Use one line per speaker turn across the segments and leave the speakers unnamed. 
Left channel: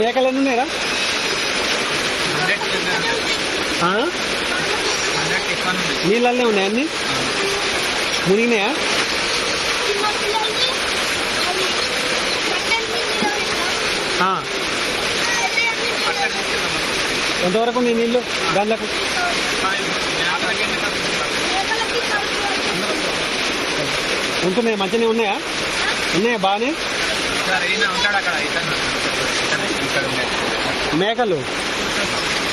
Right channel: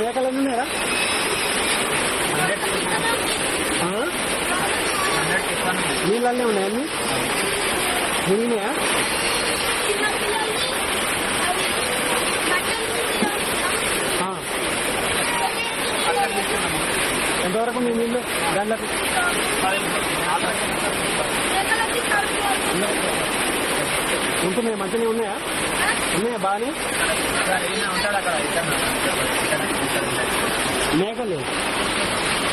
మేకలు ఎన్ని ఉన్నాయా నీళ్ళన్నీ ఉన్నాయా అన్ని? మునిగినాయా? ఎంతవరకు మీ నీళ్ళు గంటలకు ఉంటున్నాయా? మంచిగానే ఉన్నాయా? ఉన్నాయా? బాగానే? ఉంటాడు అక్కడ. మేకలు.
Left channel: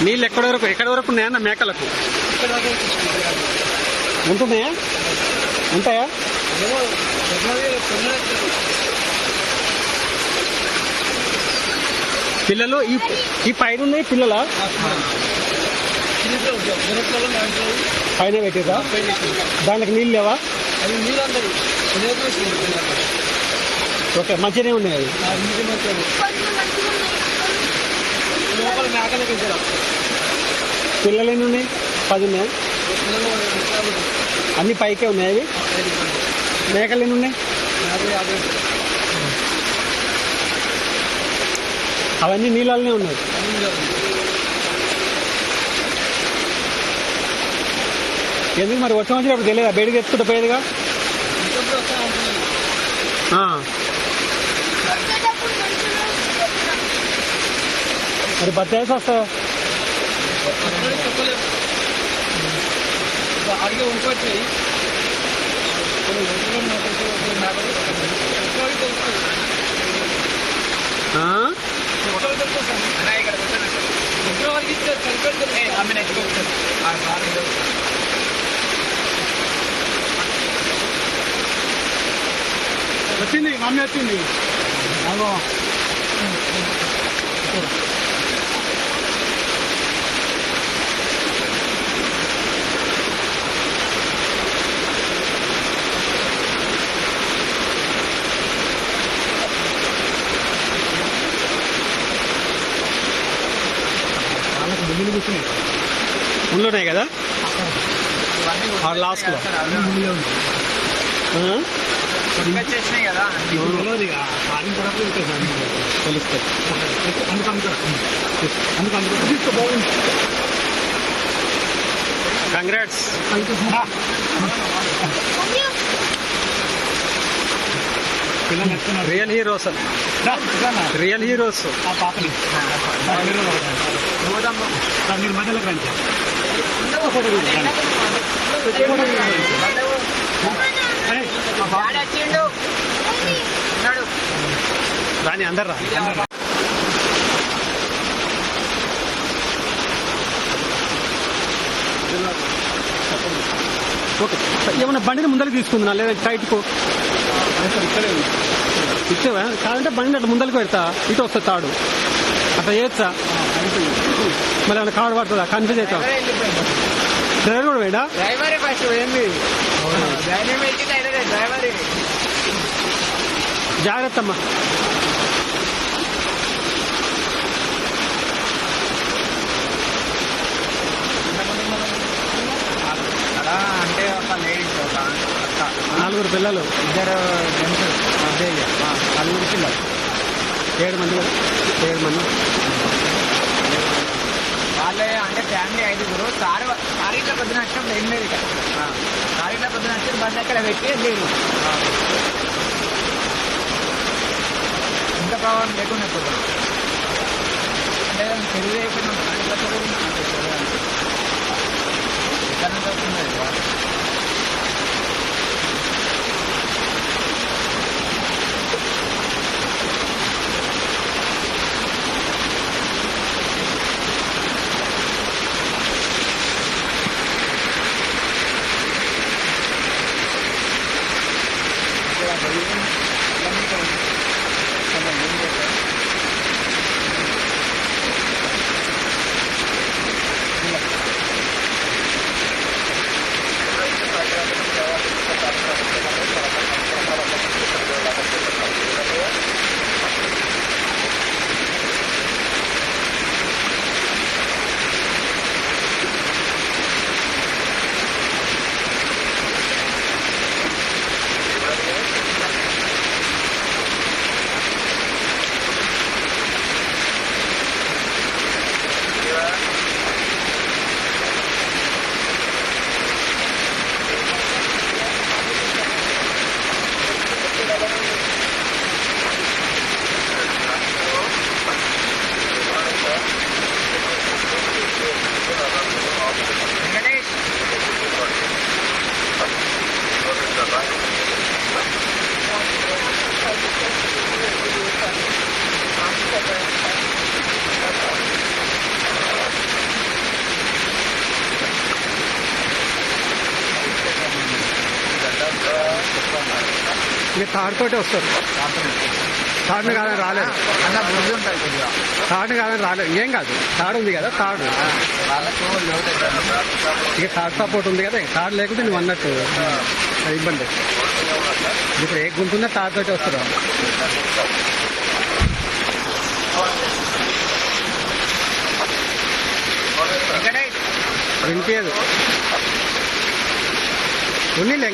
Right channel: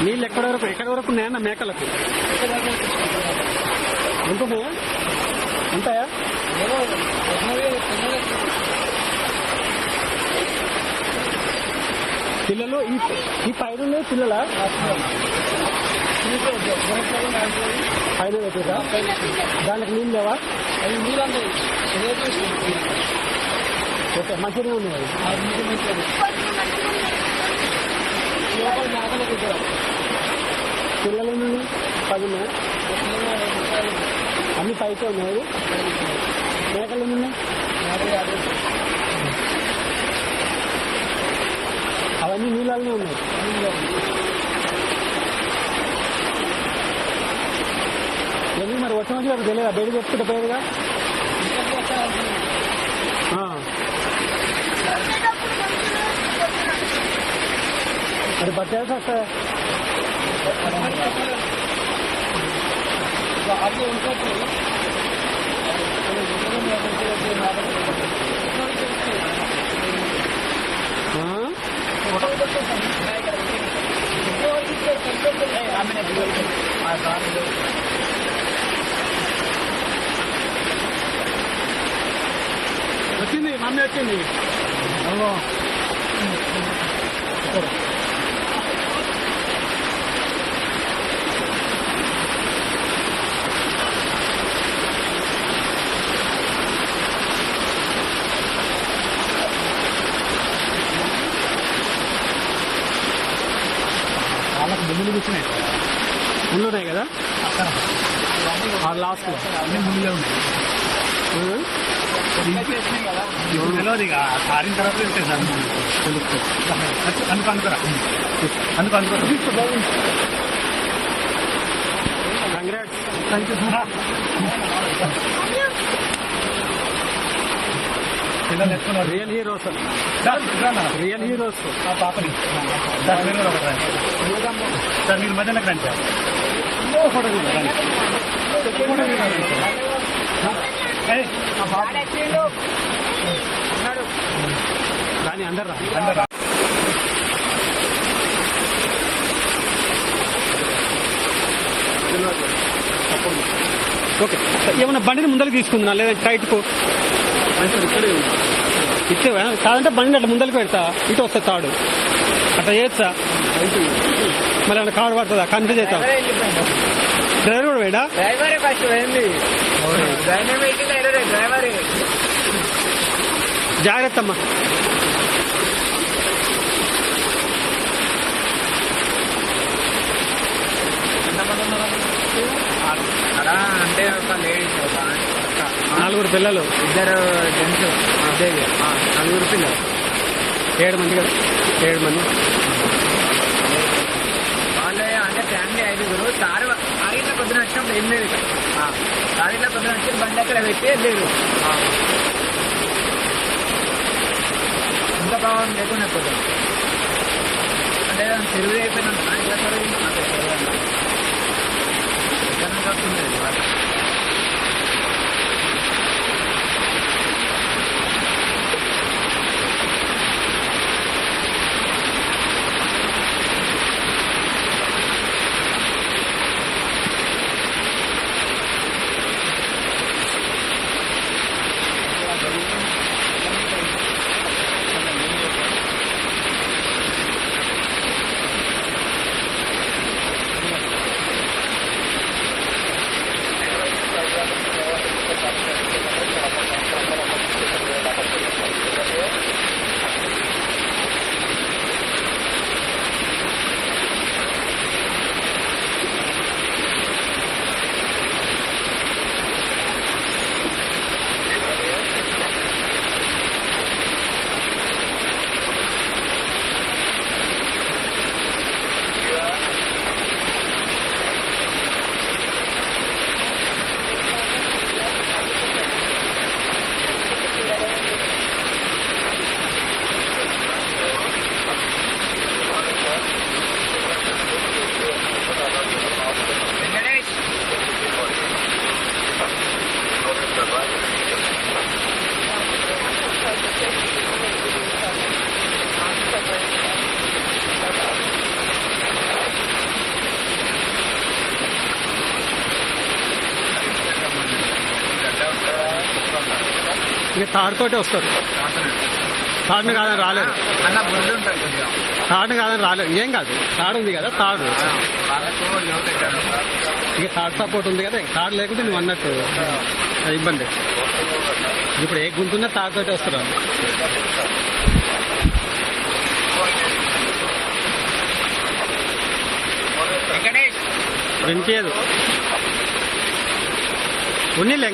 నీళ్ళు ఎక్కడ వరకు ఎక్కడ వరకు ఉన్నాయన్న మేకలకు? ఉంటున్నాయా ఉంటాయా పిల్లలు ఈ ఈ పైన ఉన్నాయి పిల్లల? పైన పెట్టేదా? దానికి నీళ్ళు లేవా? ఓకే మంచిగానే ఉన్నాయి అవి. పిల్లలు ఎన్ని ఉన్నాయి పది ఉన్నాయి అన్ని పైకే ఉన్నాయి అవి మేకలు ఎన్ని ఉన్నాయి అవన్నీ నీళ్ళలోనే ఉన్నాయి. ఎందుకు మరి వచ్చి వచ్చినప్పుడు తెలియదా? బయటకు ఎత్తుకుంటే పోయేదిగా? మరి బత్తాయిస్ వస్తావా ఆ? వచ్చింది మమ్మీ వచ్చింది అగో. ముందులు కూర్చున్నాయి. ముందు ఉన్నాయి కదా? ఆ లాస్ట్లో ముందులో ఉన్నాయి
కదా
తెలియదు ఇక ఆరిన తర్వాత తెలుస్తుంది తెలుస్తుంది. అందుకు అనుకురా అందుకు అనుకురా తీసుకో బాగుంది కంగ్రాట్స్ పిల్లలు ఎత్తున్నారు. రియల్ హీరోస్ రియల్ హీరోస్ ఆ పాపని. సార్ మీరు మధ్యలోకి రండి సార్ ఫోటో రాని అందరు రా అందరు. ఓకే ఏమన్నా బండిని ముందరికి తీసుకుందా లేదా టైట్కు? ఇచ్చేవా? కాదంటే బండి అట్లా ముందరికి పెడతా. ఇటు వస్తా తాడు. అట్లా చేయొచ్చా మరి ఏమైనా కాడు పడుతుందా? కన్ఫ్యూజ్ అవుతాం. డ్రైవర్ కూడా వేడా జాగ్రత్త అమ్మా.
అక్కడ అంటే ఒక లేడీస్ ఒక అక్క.
నలుగురు పిల్లలు.
ఇద్దరు జెంట్స్
నలుగురు పిల్లలు. ఏడు మంది కదా? ఏడు మంది.
వాళ్ళే అంటే ఫ్యామిలీ ఐదుగురు. సార్ సారీట్లో పొద్దున వచ్చినప్పుడు ఏం లేదు ఇక్కడ. సారీట్లో పొద్దున వచ్చి బండి అక్కడ పెట్టి వెళ్ళారు ఇంత ప్రభావం లేకుండా పొద్దున అంటే చెరువు అయిపోయినా ఇట్లా చెరువు やめろって言うんだけど。Thank you.
ఇక తాడుతోటే వస్తారు. తాడుని కాదని
కొద్దిగా.
తాడుని కాదని రాలేరు. ఏం కాదు. తాడు ఉంది కదా తాడు. ఇక తాడు సపోర్ట్ ఉంది కదా తాడు లేకపోతే నువ్వు అన్నట్టు అది ఇబ్బంది. ఇప్పుడు ఏ గుంతున్నా తాడుతోటే వస్తారు. వినిపించదు ఉన్నిలే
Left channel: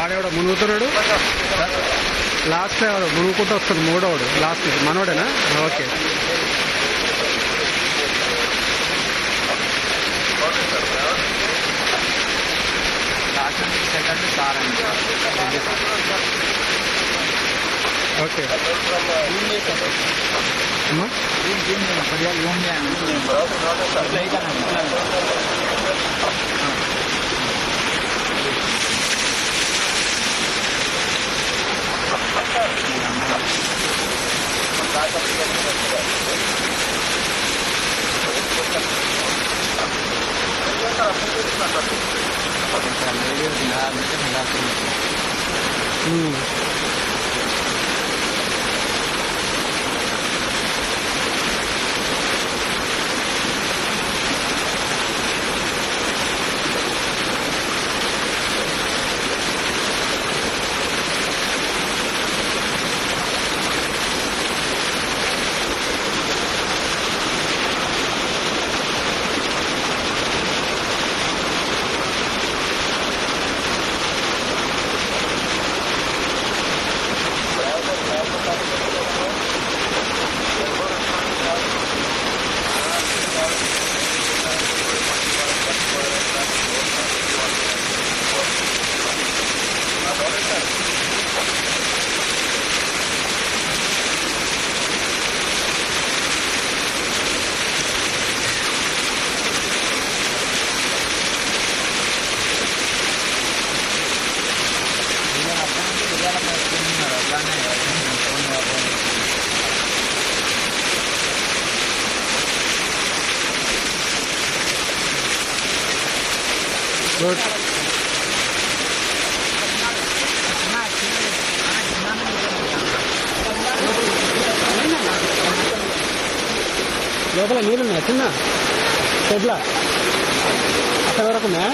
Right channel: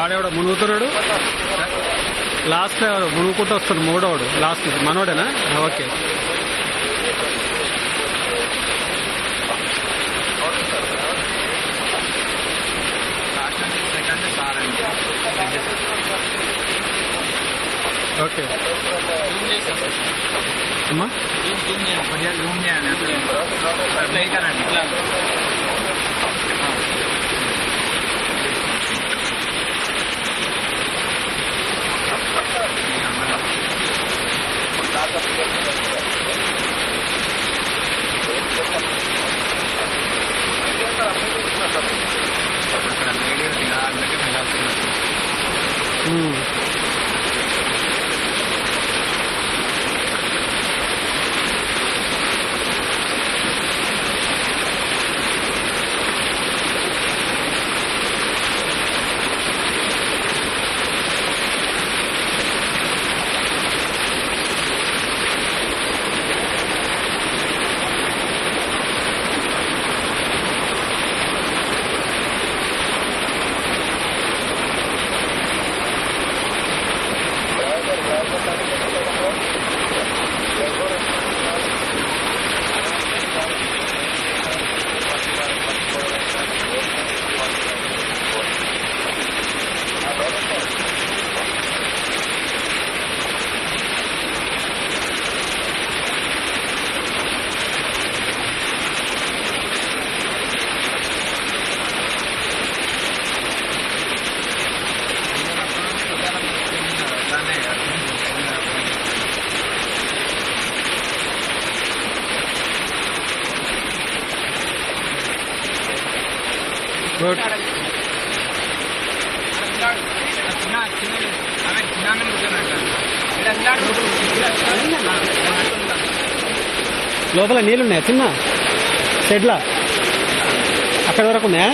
వాడేవాడు మునుగుతున్నాడు లాస్ట్ ఎవరు మునుగుకుంటూ వస్తాడు మూడోడు లాస్ట్ మనోడేనా ఓకే
లాస్ట్ సార్
ఓకే అమ్మా లోపల నీళ్ళు ఉన్నాయా చిన్న షెడ్లా. అక్కడ వరకు ఉన్నాయా?